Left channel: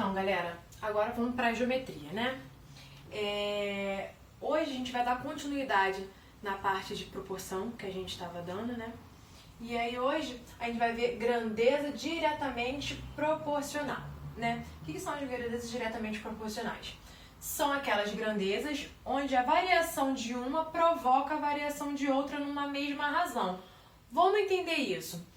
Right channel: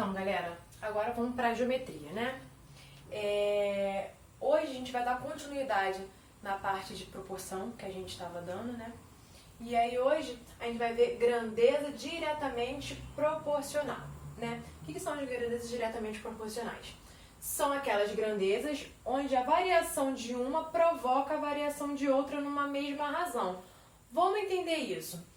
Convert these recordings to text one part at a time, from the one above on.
Então, galera, agora vamos para a geometria, né? Hoje a gente vai dar continuidade na parte de proporção que a gente estava dando, né? E aí hoje a gente vai ver grandeza diretamente proporcional, né? O que são as grandezas diretamente proporcionais? São aquelas grandezas onde a variação de uma provoca a variação de outra numa mesma razão. Vamos entender isso.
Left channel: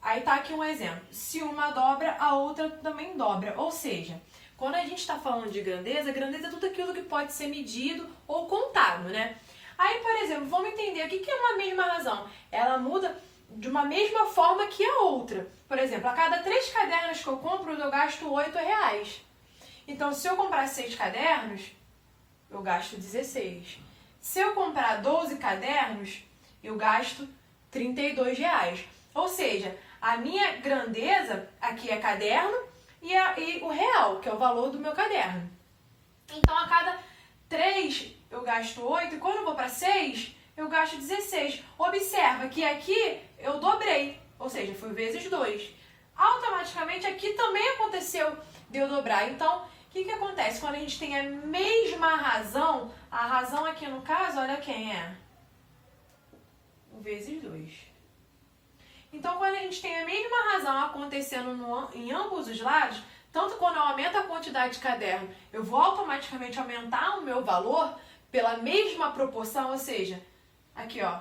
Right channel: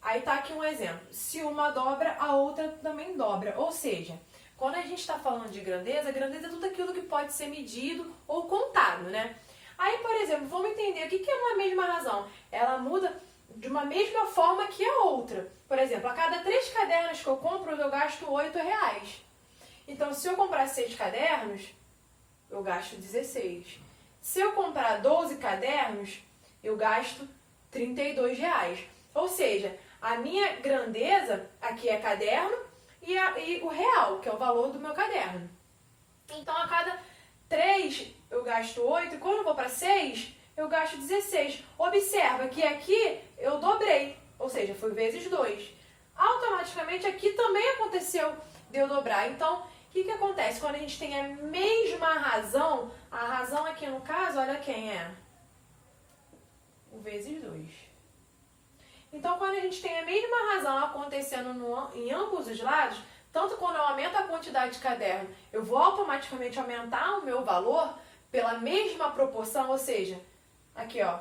Aí tá aqui um exemplo. Se uma dobra, a outra também dobra. Ou seja, quando a gente está falando de grandeza, grandeza é tudo aquilo que pode ser medido ou contado, né? Aí, por exemplo, vamos entender o que é uma mesma razão. Ela muda de uma mesma forma que a outra. Por exemplo, a cada 3 cadernos que eu compro, eu gasto R$8. Então, se eu comprar 6 cadernos, eu gasto 16. Se eu comprar 12 cadernos, eu gasto R$32. Ou seja, a minha grandeza aqui é caderno e o real, que é o valor do meu caderno. Então, a cada 3 eu gasto 8 e quando eu vou para 6, eu gasto 16. Observa que aqui eu dobrei, ou seja, foi vezes 2. Automaticamente aqui também aconteceu de eu dobrar. Então, o que acontece? Quando a gente tem a mesma razão, a razão aqui no caso, olha quem é? O vezes 2. Então, quando a gente tem a mesma razão acontecendo em ambos os lados, tanto quando eu aumento a quantidade de caderno, eu vou automaticamente aumentar o meu valor pela mesma proporção, ou seja, aqui ó.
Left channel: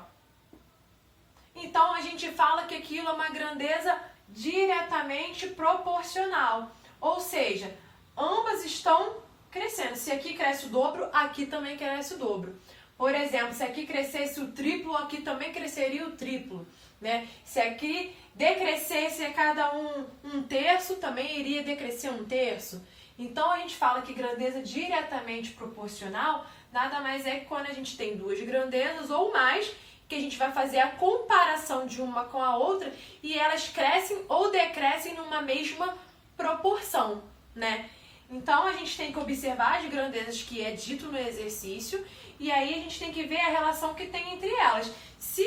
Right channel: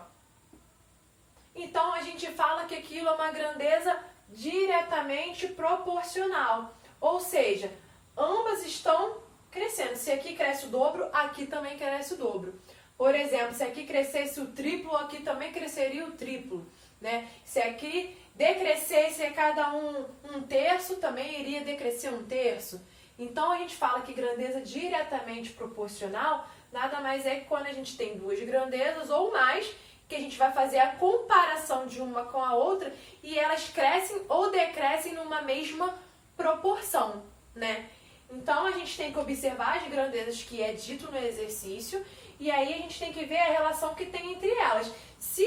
Então, a gente fala que aquilo é uma grandeza diretamente proporcional, ou seja, ambas estão crescendo. Se aqui cresce o dobro, aqui também cresce o dobro. Por exemplo, se aqui crescesse o triplo, aqui também cresceria o triplo. Né? Se aqui decrescesse cada um terço, também iria decrescer um terço. Então, a gente fala que grandeza diretamente proporcional nada mais é que quando a gente tem duas grandezas ou mais, que a gente vai fazer a comparação de uma com a outra e elas crescem ou decrescem numa mesma proporção, né? Então, a gente tem que observar as grandezas que é dito no exercício e aí a gente tem que ver a relação que tem entre elas. Se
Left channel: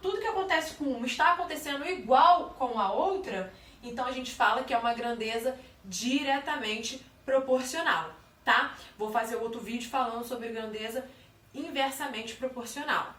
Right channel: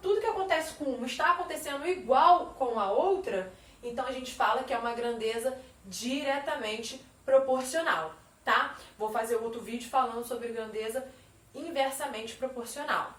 tudo que acontece com uma está acontecendo igual com a outra, então a gente fala que é uma grandeza diretamente proporcional, tá? Vou fazer outro vídeo falando sobre grandeza inversamente proporcional.